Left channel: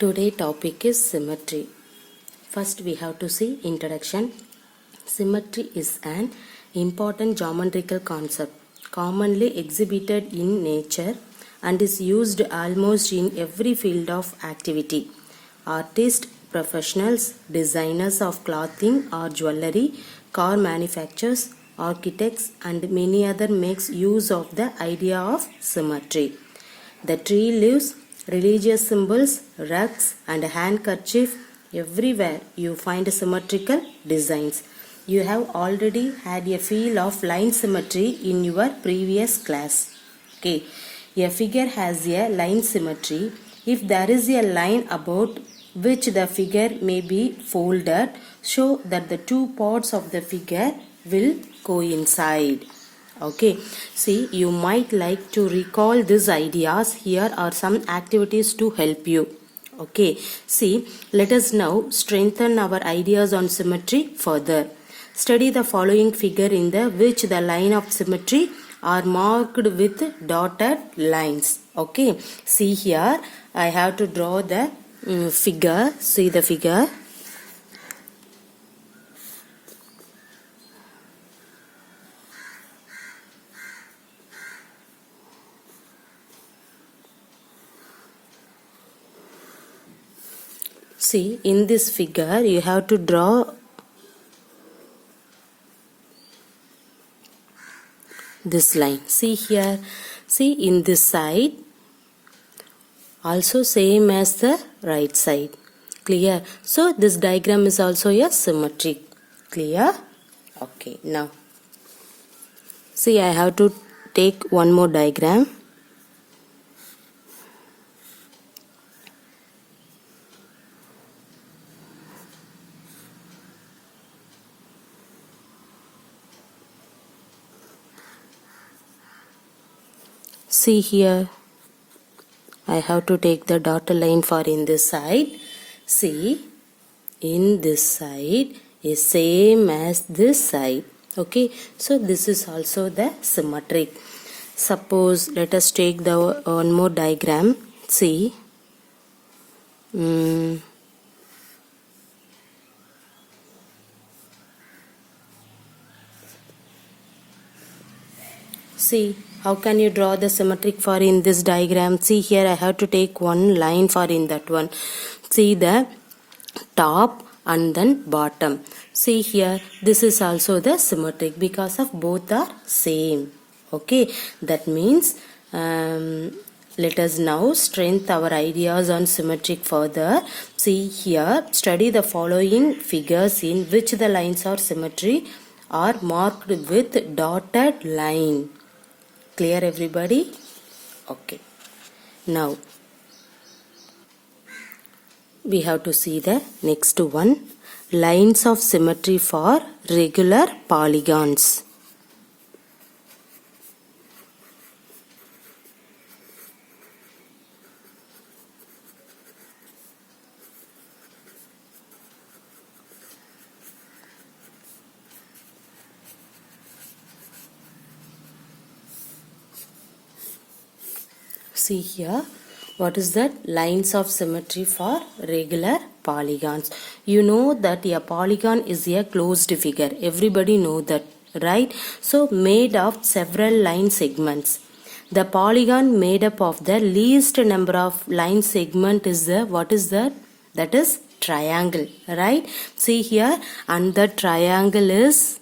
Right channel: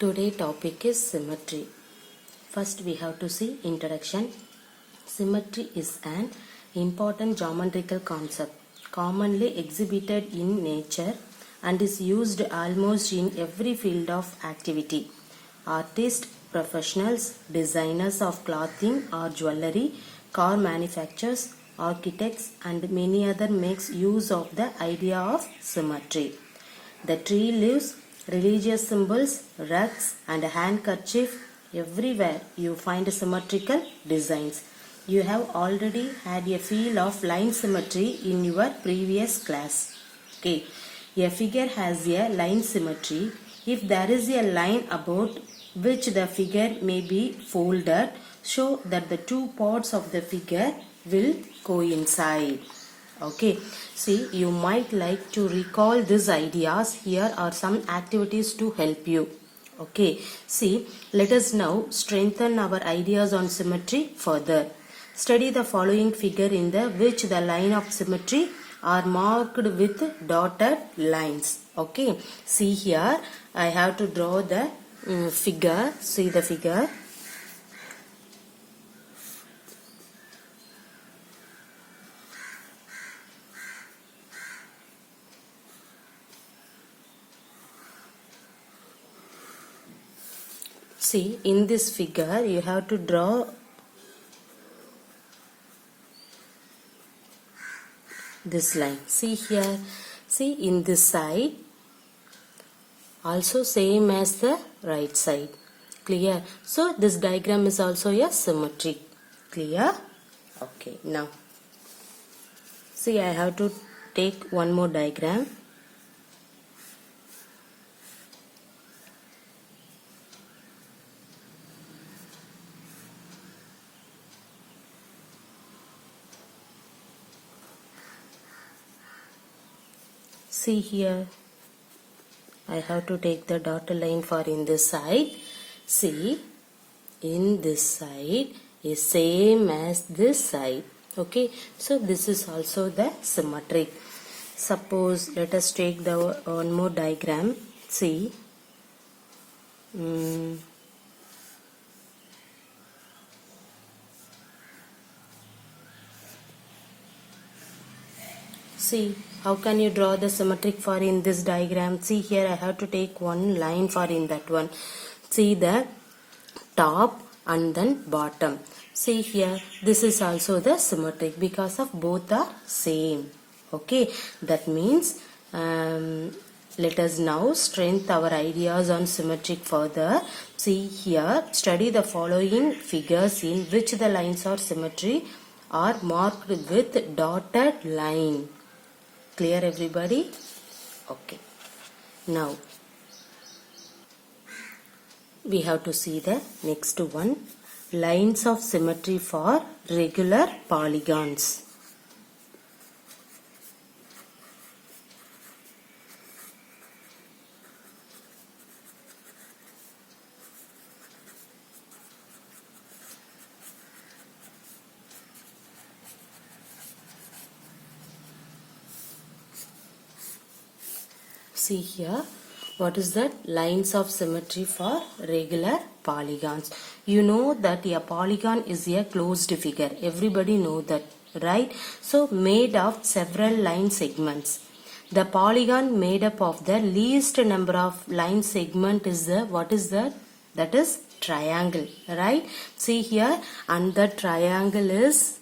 Today topic is symmetry. First we have to see introduction. Symmetry is an important geometrical concept commonly exhibited in nature and is used almost in every field of activity. Artists, professionals, designers of clothing or jewelry, car manufacturers, architects and many other makes use of the idea of symmetry. The tree leaves, religious symbols, rugs and handkerchief, everywhere you find symmetrical designs. You have already had a feel of line symmetry in your previous class. Okay, a figure has a line symmetry. If there is a line about which the figure may be folded, show that the two parts of the figure will coincide. Okay, see, you might like to recall these ideas. Here are some activities to help you. Okay, see, let us now strengthen our ideas on symmetry further. Study the following figure in the which the line of symmetry are marked with dotted lines. Okay, see here, I have to draw the figure. See the figure. See, in this figure, you have to draw this line. See here, see in this side, also same as the right side. Clear? So, this diagram is also a symmetric. Clear? Okay, now, see I have to take one more diagram. See here, I have to take the dotted line for in this side. See, in this side is same as this side. Okay, so this is also the symmetric. Suppose let us take the one more diagram. See, see, how can you draw the symmetric for in this diagram? See here, I have to take one line for in that one. See the top and then bottom. See here, this is also the symmetric because of both are same. Okay, that means let us now strengthen our ideas on symmetric further. See here, study the following figures in which the lines of symmetry are marked with dotted line. Clear everybody? Okay. Now, we have to see the next one. Lines of symmetry for regular polygons. See here, what is that? Lines of symmetry for regular polygons. You know that a polygon is a closed figure. Everybody know that, right? So made of several line segments. The polygon made up of the least number of line segment is the, what is that? That is triangle, right? See here, and the triangle is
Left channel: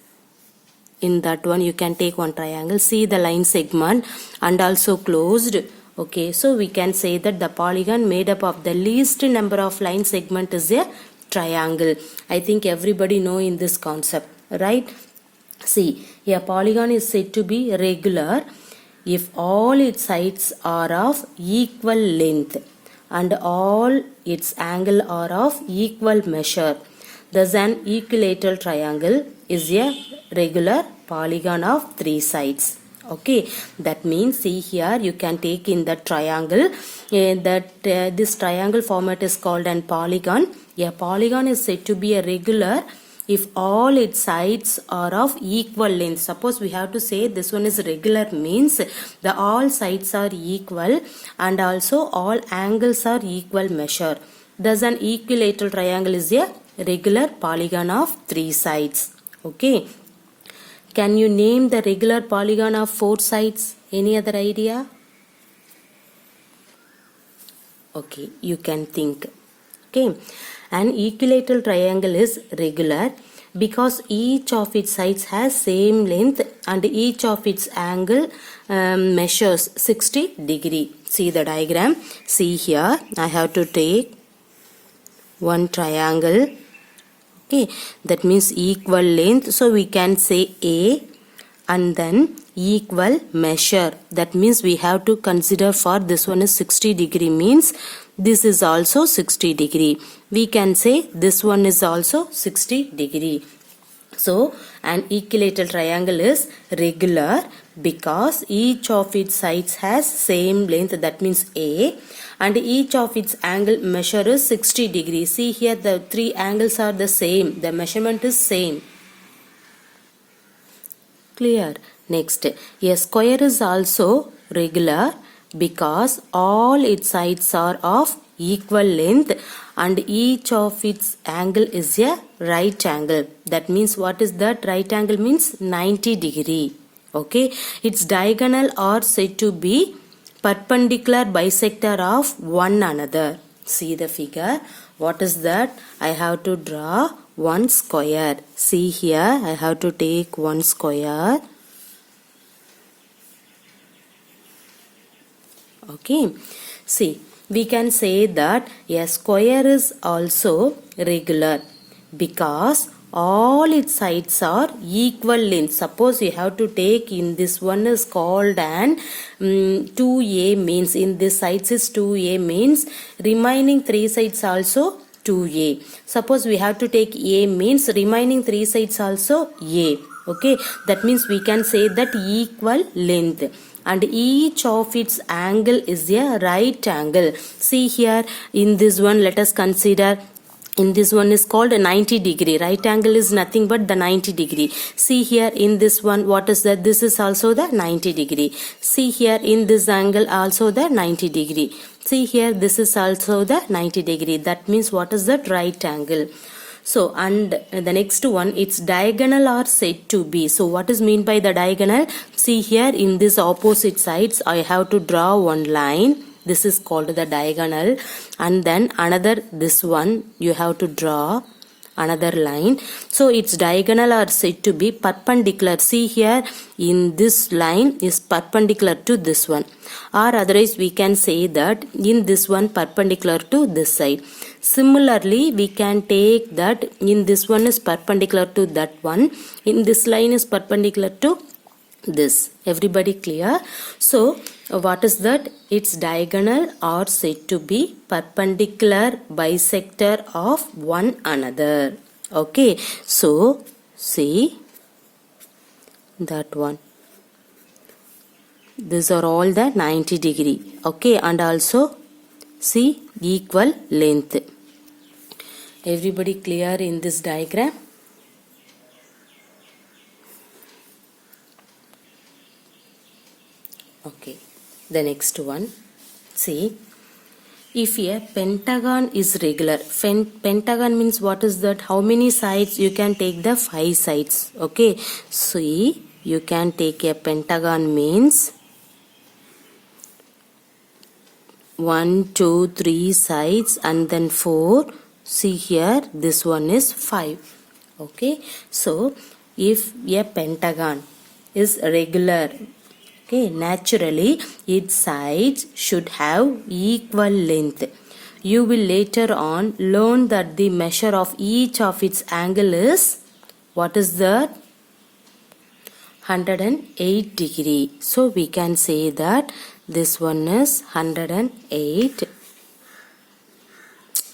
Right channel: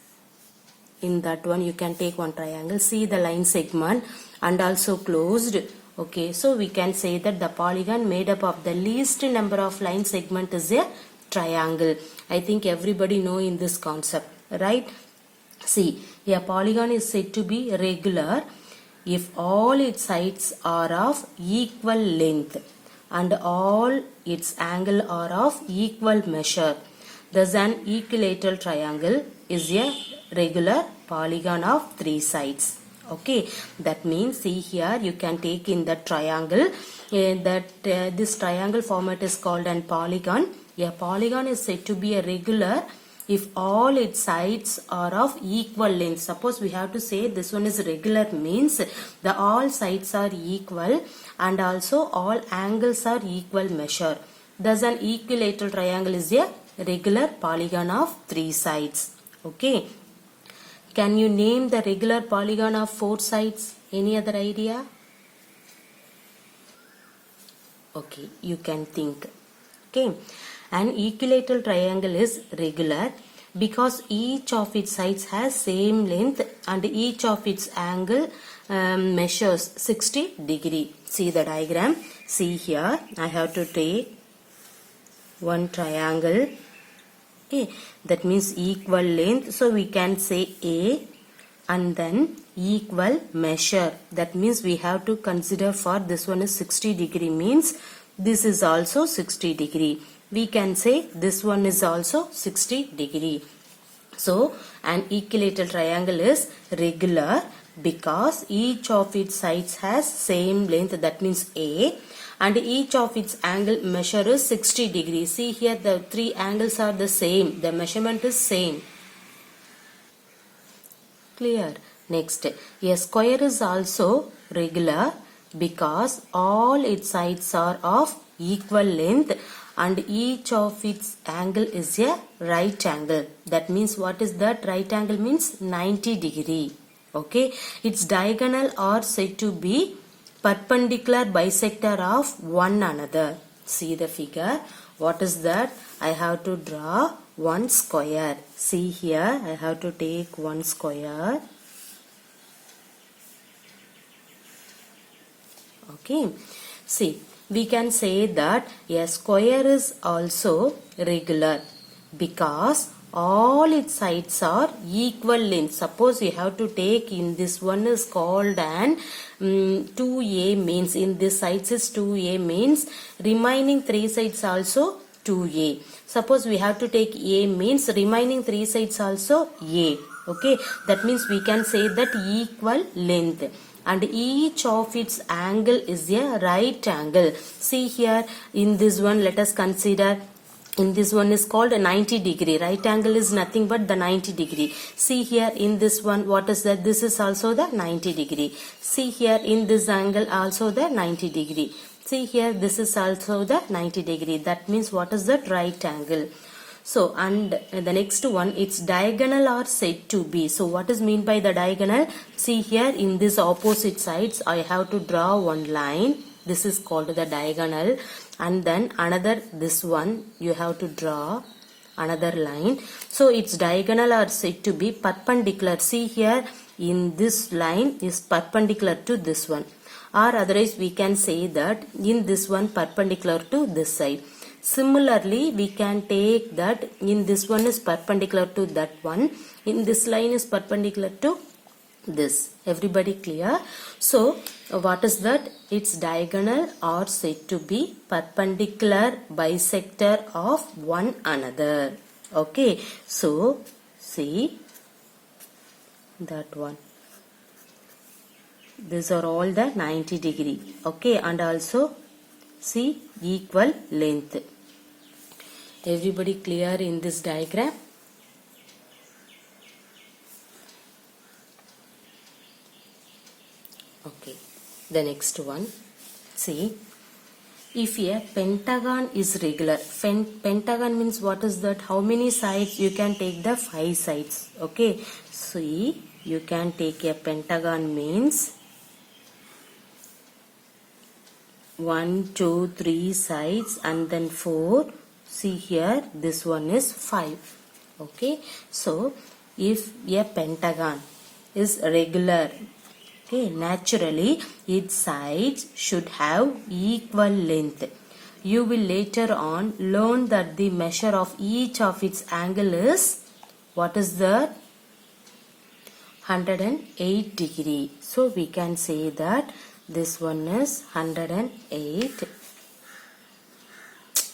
in that one. You can take one triangle. See the line segment and also closed. Okay, so we can say that the polygon made up of the least number of line segment is a triangle. I think everybody know in this concept, right? See, a polygon is said to be regular if all its sides are of equal length and all its angle are of equal measure. Thus, an equilateral triangle is a regular polygon of three sides. Okay, that means see here you can take in the triangle this triangle format is called an polygon. A polygon is said to be a regular if all its sides are of equal length. Suppose we have to say this one is regular means the all sides are equal and also all angles are equal measure. Thus an equilateral triangle is a regular polygon of 3 sides. Okay. Can you name the regular polygon of 4 sides? Any other idea? Okay, you can think. Okay. An equilateral triangle is regular because each of its sides has same length and each of its angle measures 60 degree. See the diagram. See here, I have to take one triangle. Okay, that means equal length. So we can say A and then equal measure. That means we have to consider for this one is 60 degree means this is also 60 degree. We can say this one is also 60 degree. So an equilateral triangle is regular because each of its sides has same length, that means A, and each of its angle measure is 60 degrees. See here the three angles are the same, the measurement is same. Clear? Next, a square is also regular because all its sides are of equal length and each of its angle is a right angle. That means what is that? Right angle means 90 degree. Okay, its diagonal are said to be perpendicular bisector of one another. See the figure. What is that? I have to draw one square. See here, I have to take one square. Okay, see, we can say that a square is also regular because all its sides are equal length. Suppose you have to take in this one is called an 2A means in this sides is 2A means remaining 3 sides also 2A. Suppose we have to take A means remaining 3 sides also A. Okay, that means we can say that equal length. And each of its angle is a right angle. See here in this one, let us consider in this one is called a 90 degree. Right angle is nothing but the 90 degree. See here in this one, what is that? This is also the 90 degree. See here in this angle also the 90 degree. See here this is also the 90 degree. That means what is that? Right angle. So, and the next one, its diagonal are said to be. So, what is mean by the diagonal? See here in this opposite sides, I have to draw one line. This is called the diagonal. And then another, this one, you have to draw another line. So, its diagonal are said to be perpendicular. See here, in this line is perpendicular to this one. Or otherwise, we can say that in this one perpendicular to this side. Similarly, we can take that in this one is perpendicular to that one. In this line is perpendicular to this. Everybody clear? So, what is that? Its diagonal are said to be perpendicular bisector of one another. Okay. So, see that one. These are all the 90 degree. Okay. And also see equal length. Everybody clear in this diagram? Okay, the next one. See, if a pentagon is regular, pentagon means what is that? How many sides? You can take the 5 sides. Okay, see, you can take a pentagon means 1, 2, 3 sides and then 4. See here, this one is 5. Okay, so if a pentagon is regular, okay, naturally its sides should have equal length. You will later on learn that the measure of each of its angle is, what is that? 108 degree. So we can say that this one is 108.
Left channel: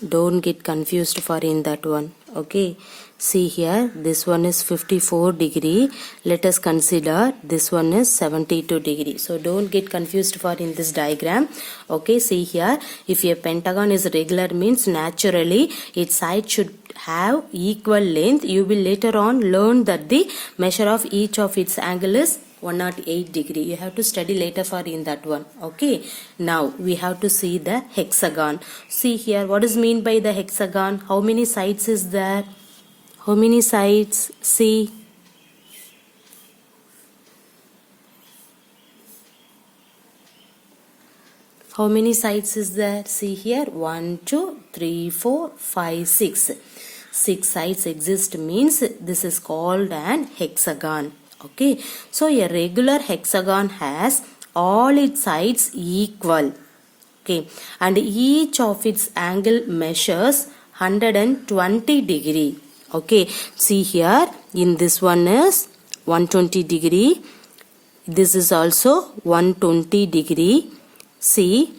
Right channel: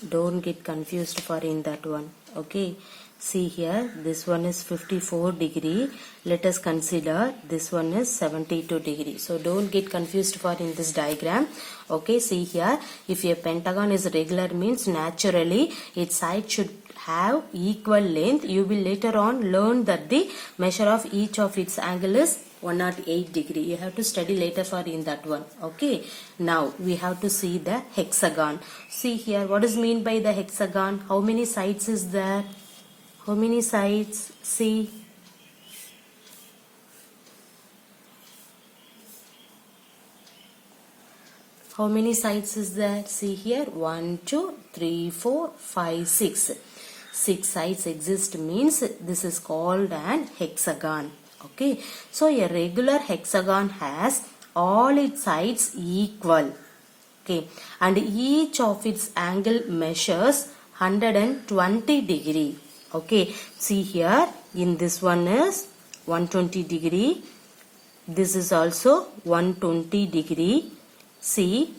Don't get confused for in that one. Okay, see here, this one is 54 degree. Let us consider this one is 72 degree. So don't get confused for in this diagram. Okay, see here, if a pentagon is regular means naturally its side should have equal length. You will later on learn that the measure of each of its angle is 108 degree. You have to study later for in that one. Okay. Now we have to see the hexagon. See here, what is mean by the hexagon? How many sides is there? How many sides? See. How many sides is there? See here. 1, 2, 3, 4, 5, 6. 6 sides exist means this is called an hexagon. Okay. So a regular hexagon has all its sides equal. Okay. And each of its angle measures 120 degree. Okay. See here. In this one is 120 degree. This is also 120 degree. See,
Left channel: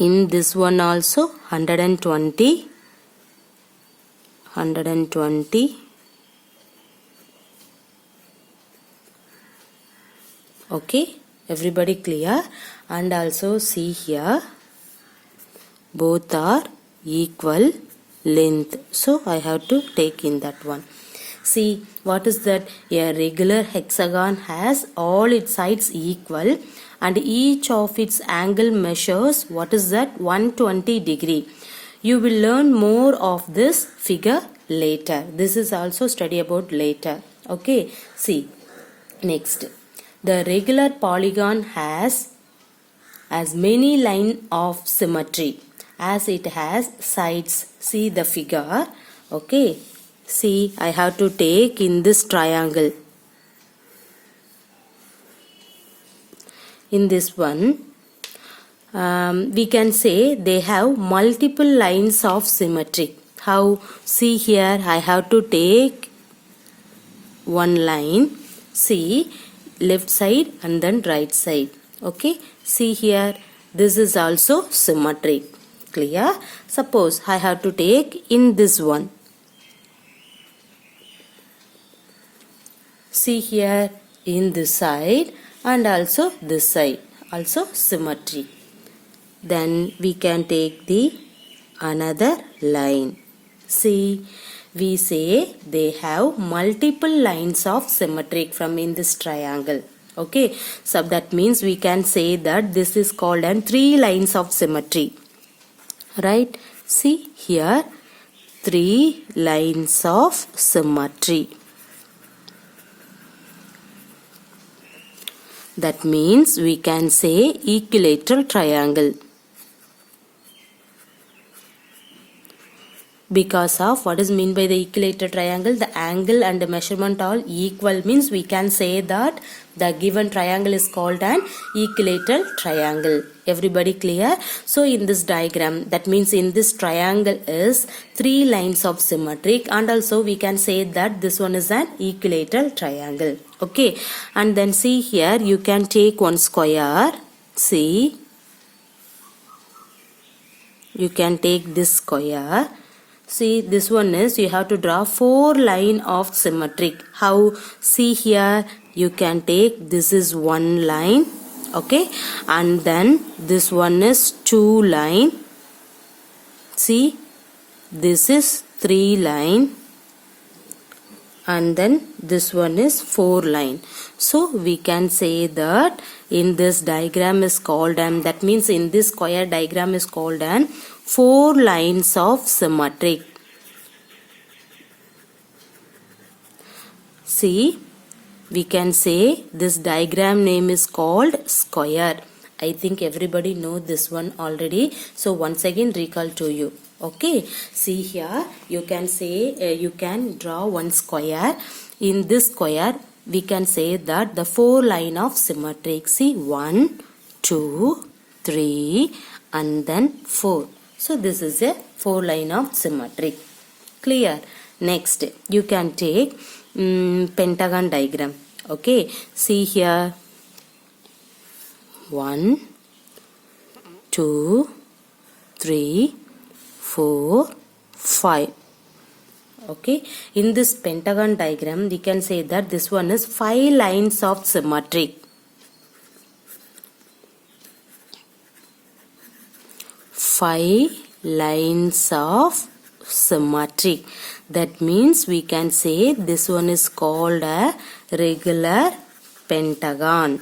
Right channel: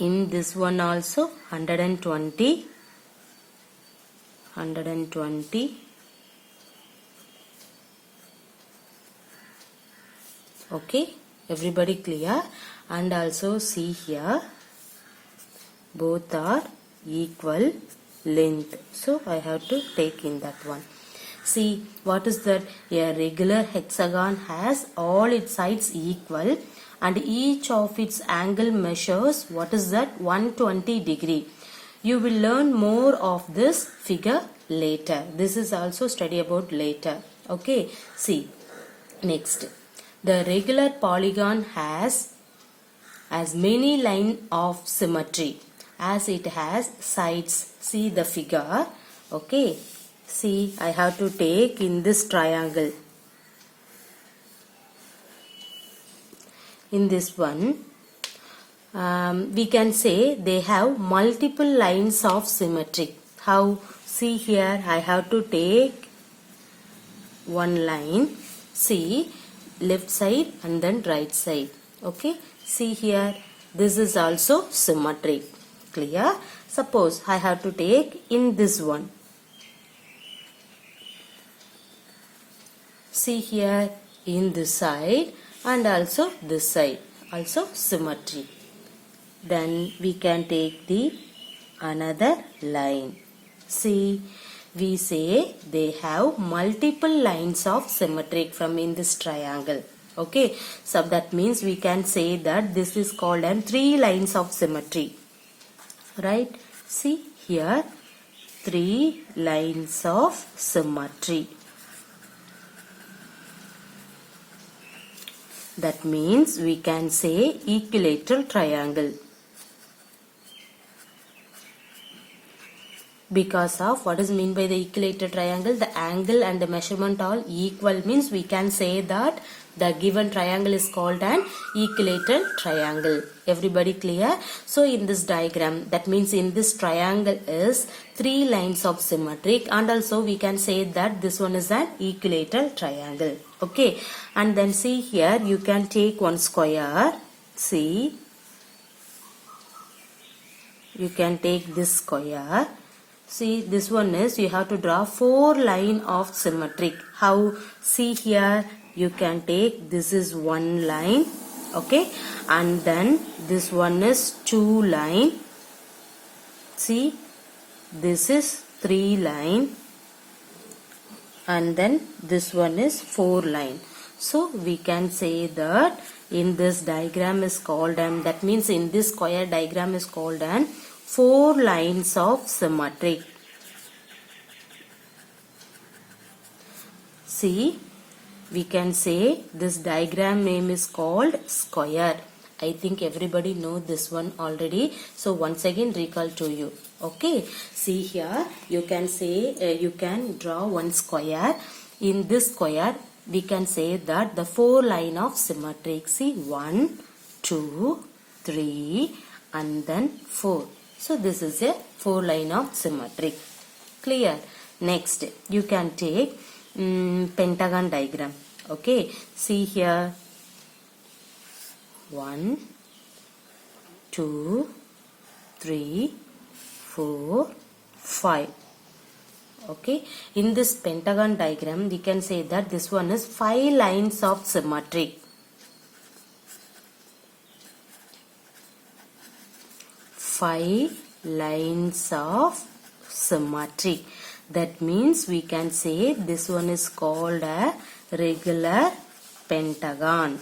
in this one also 120. Okay, everybody clear? And also see here, both are equal length. So I have to take in that one. See, what is that? A regular hexagon has all its sides equal and each of its angle measures, what is that? 120 degree. You will learn more of this figure later. This is also study about later. Okay, see, next. The regular polygon has as many lines of symmetry as it has sides. See the figure. Okay, see, I have to take in this triangle. In this one, we can say they have multiple lines of symmetry. How? See here, I have to take one line. See, left side and then right side. Okay, see here, this is also symmetric. Clear? Suppose I have to take in this one. See here, in this side and also this side, also symmetry. Then we can take the another line. See, we say they have multiple lines of symmetric from in this triangle. Okay, so that means we can say that this is called as 3 lines of symmetry. Right? See here, 3 lines of symmetry. That means we can say equilateral triangle. Because of what is mean by the equilateral triangle, the angle and the measurement all equal means we can say that the given triangle is called an equilateral triangle. Everybody clear? So in this diagram, that means in this triangle is 3 lines of symmetric and also we can say that this one is an equilateral triangle. Okay, and then see here, you can take one square. See, you can take this square. See, this one is you have to draw 4 line of symmetric. How? See here, you can take this is 1 line. Okay, and then this one is 2 line. See, this is 3 line. And then this one is 4 line. So we can say that in this diagram is called that means in this square diagram is called 4 lines of symmetric. See, we can say this diagram name is called square. I think everybody know this one already. So once again recall to you. Okay, see here, you can say you can draw one square. In this square, we can say that the 4 line of symmetric. See, 1, 2, 3 and then 4. So this is a 4 line of symmetric. Clear? Next, you can take pentagon diagram. Okay, see here, 1, 2, 3, 4, 5. Okay, in this pentagon diagram we can say that this one is 5 lines of symmetry. 5 lines of symmetry. That means we can say this one is called a regular pentagon.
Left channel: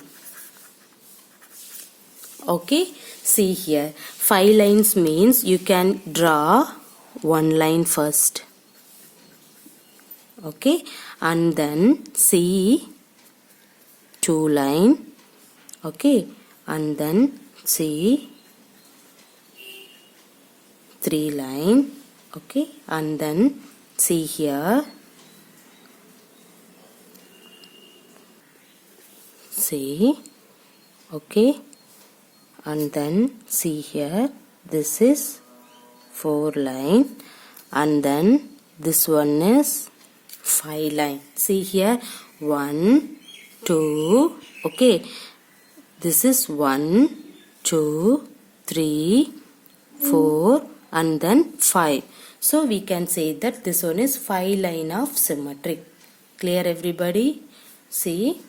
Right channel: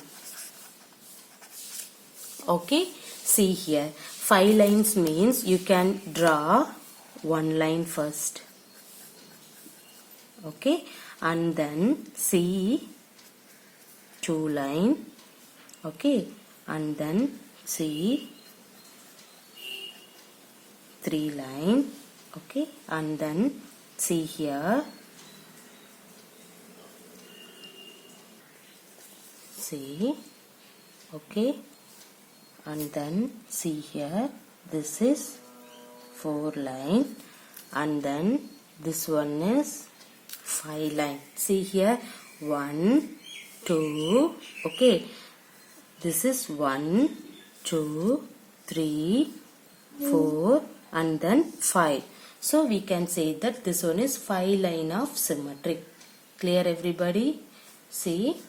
Okay, see here, 5 lines means you can draw one line first. Okay, and then see 2 line. Okay, and then see 3 line. Okay, and then see here, see, okay, and then see here, this is 4 line, and then this one is 5 line. See here, 1, 2, okay, this is 1, 2, 3, 4, and then 5. So we can say that this one is 5 line of symmetry. Clear everybody? See.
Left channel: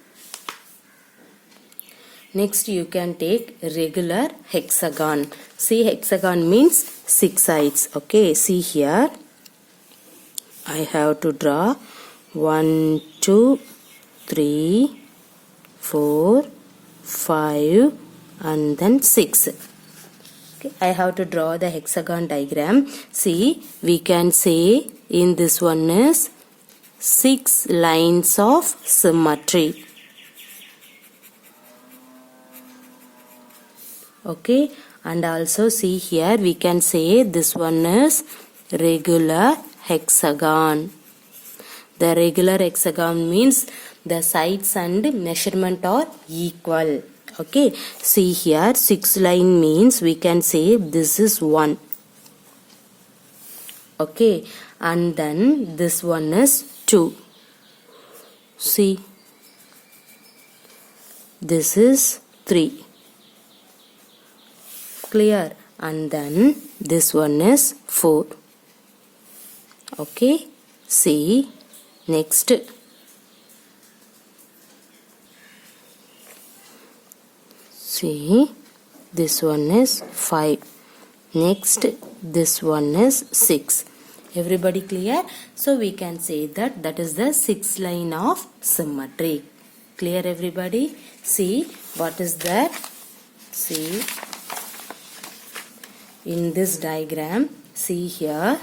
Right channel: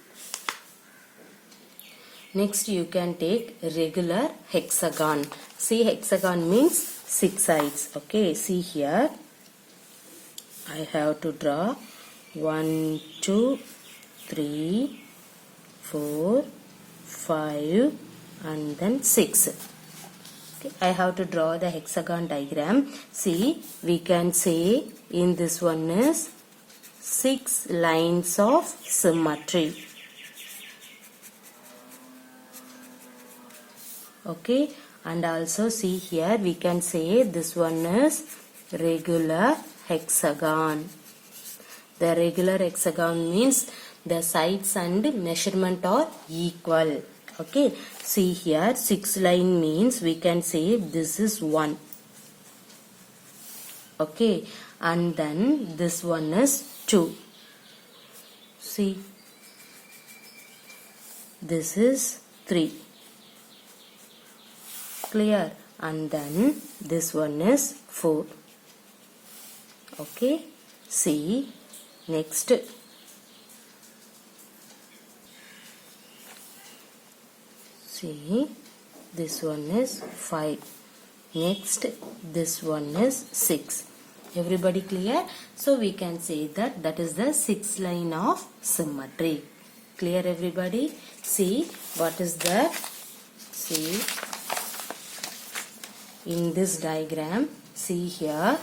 Next you can take regular hexagon. See, hexagon means 6 sides. Okay, see here. I have to draw 1, 2, 3, 4, 5 and then 6. Okay, I have to draw the hexagon diagram. See, we can say in this one is 6 lines of symmetry. Okay, and also see here we can say this one is regular hexagon. The regular hexagon means the sides and measurement are equal. Okay, see here 6 line means we can say this is 1. Okay, and then this one is 2. See, this is 3. Clear? And then this one is 4. Okay, see, next. See, this one is 5. Next, this one is 6. Everybody clear? So we can say that that is the 6 line of symmetry. Clear everybody? See, what is that? See, in this diagram, see here,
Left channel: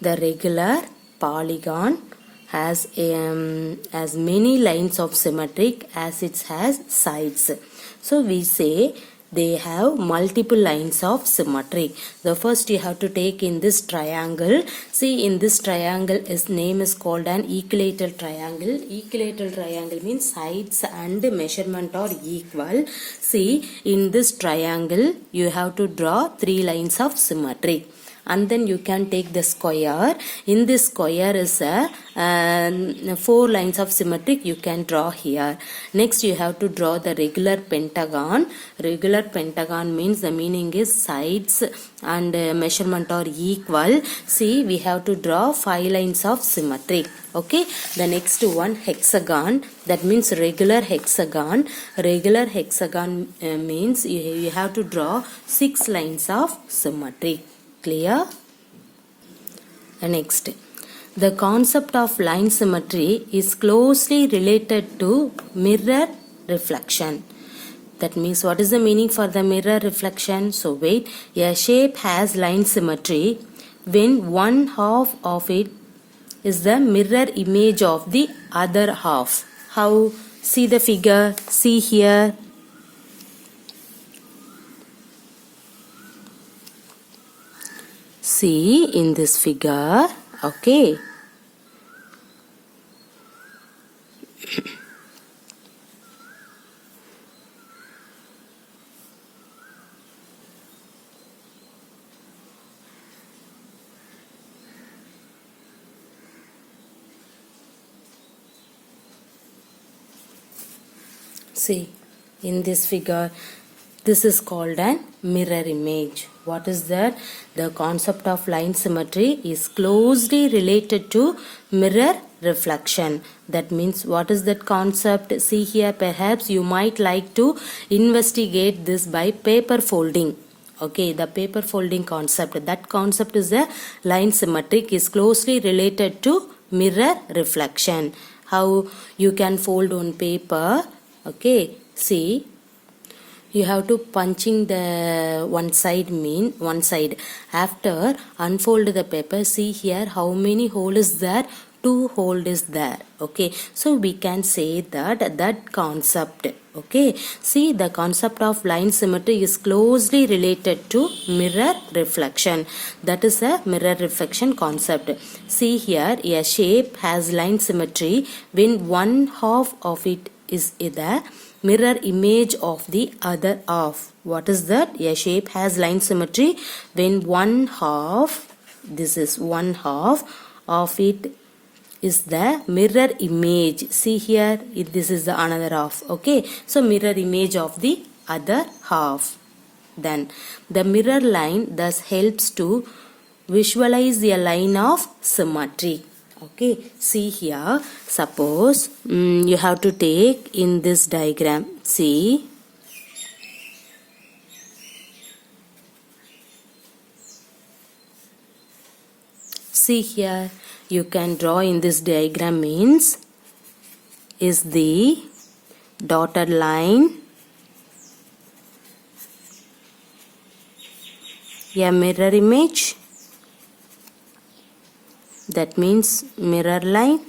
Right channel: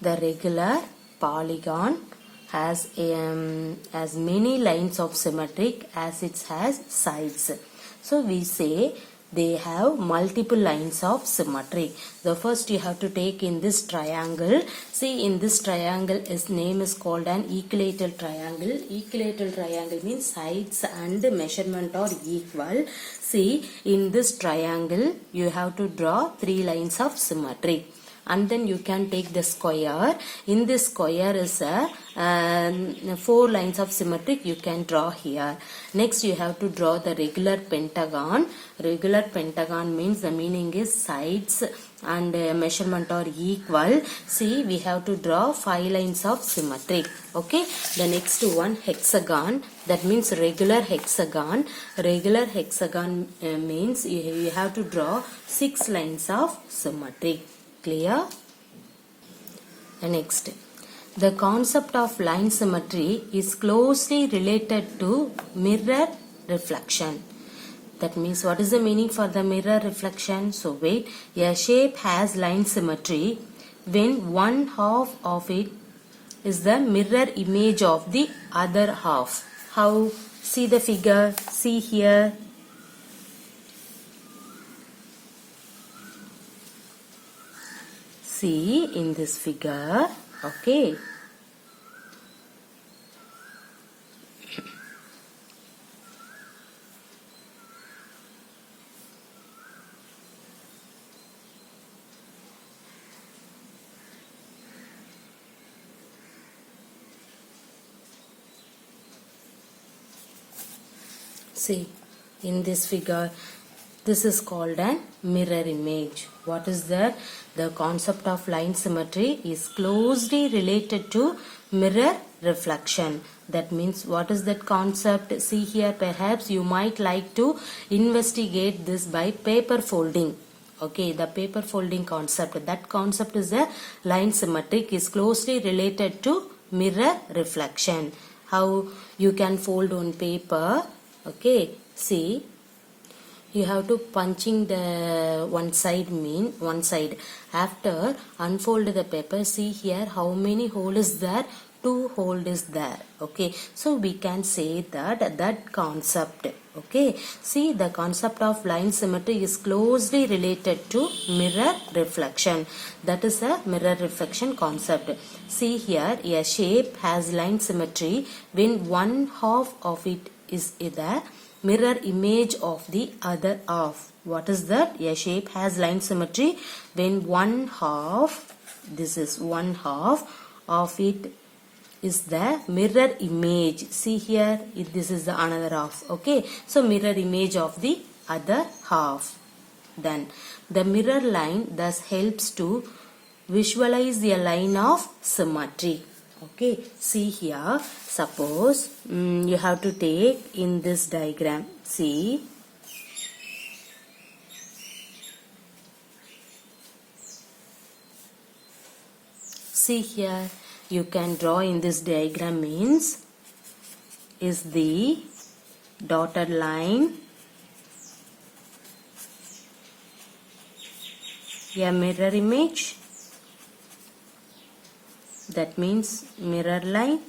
the regular polygon has many lines of symmetric as it has sides. So we say they have multiple lines of symmetry. The first you have to take in this triangle. See, in this triangle its name is called an equilateral triangle. Equilateral triangle means sides and measurement are equal. See, in this triangle you have to draw 3 lines of symmetry. And then you can take the square. In this square is a 4 lines of symmetric you can draw here. Next you have to draw the regular pentagon. Regular pentagon means the meaning is sides and measurement are equal. See, we have to draw 5 lines of symmetric. Okay, the next one hexagon, that means regular hexagon. Regular hexagon means you have to draw 6 lines of symmetry. Clear? Next, the concept of line symmetry is closely related to mirror reflection. That means, what is the meaning for the mirror reflection? So wait, a shape has line symmetry when one half of it is the mirror image of the other half. How? See the figure, see here. See in this figure, okay. See, in this figure, this is called an mirror image. What is that? The concept of line symmetry is closely related to mirror reflection. That means, what is that concept? See here, perhaps you might like to investigate this by paper folding. Okay, the paper folding concept. That concept is the line symmetric is closely related to mirror reflection. how you can fold on paper. Okay, see, you have to punching the one side. After unfold the paper, see here how many hole is there. 2 hole is there. Okay, so we can say that concept. Okay, see, the concept of line symmetry is closely related to mirror reflection. That is a mirror reflection concept. See here, a shape has line symmetry when one half of it is the mirror image of the other half. What is that? A shape has line symmetry when one half, this is one half of it is the mirror image. See here, this is the another half. Okay, so mirror image of the other half. Then the mirror line thus helps to visualize a line of symmetry. Okay, see here, suppose you have to take in this diagram, see, here, you can draw in this diagram means is the dotted line a mirror image. That means mirror line.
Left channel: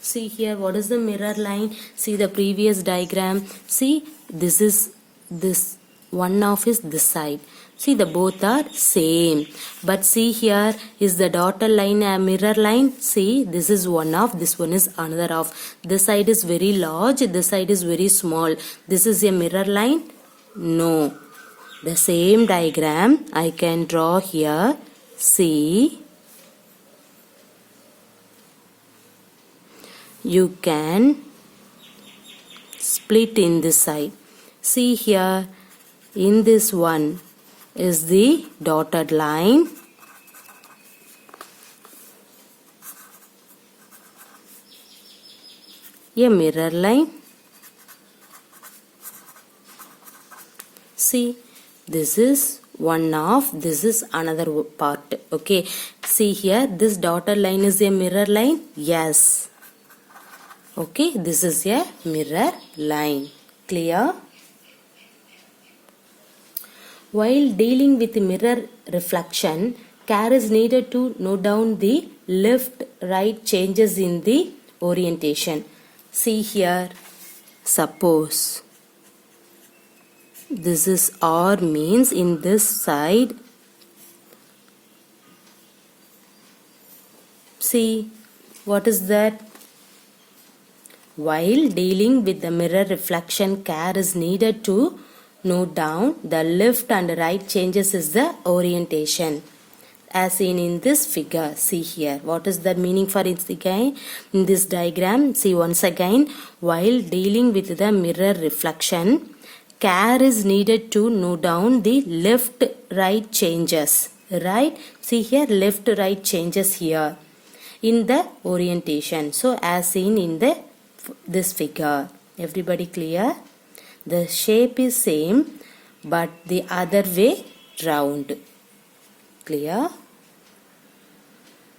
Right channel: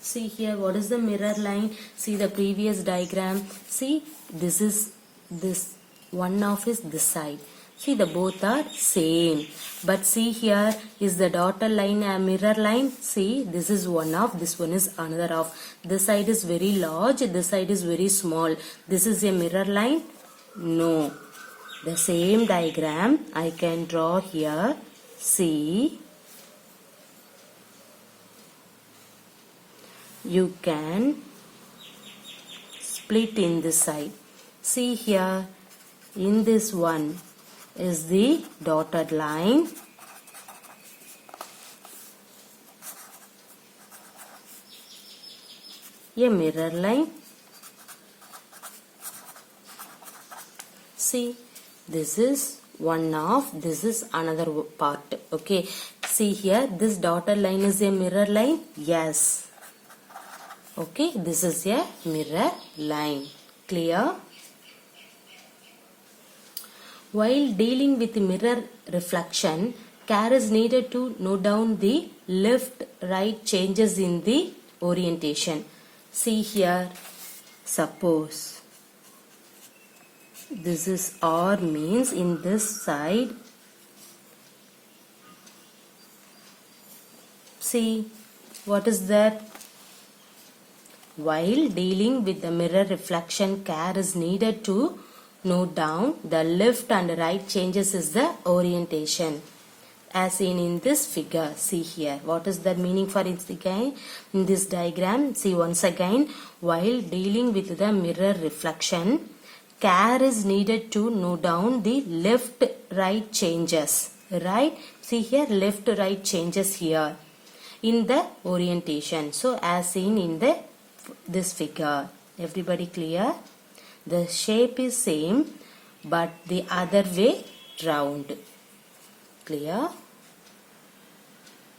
See here, what is the mirror line? See the previous diagram. See, this is this one half is this side. See, the both are same. But see here, is the dotted line a mirror line? See, this is one half, this one is another half. This side is very large, this side is very small. This is a mirror line? No. The same diagram I can draw here. See, you can split in this side. See here, in this one is the dotted line. A mirror line. See, this is one half, this is another part. Okay, see here, this dotted line is a mirror line. Yes. Okay, this is a mirror line. Clear? While dealing with mirror reflection, care is needed to note down the left-right changes in the orientation. See here, suppose this is R means in this side. See, what is that? While dealing with the mirror reflection, care is needed to note down the left and right changes is the orientation. As seen in this figure, see here. What is the meaning for it again? In this diagram, see once again, while dealing with the mirror reflection, care is needed to note down the left-right changes. Right? See here, left-right changes here in the orientation. So, as seen in this figure. Everybody clear? The shape is same but the other way round. Clear?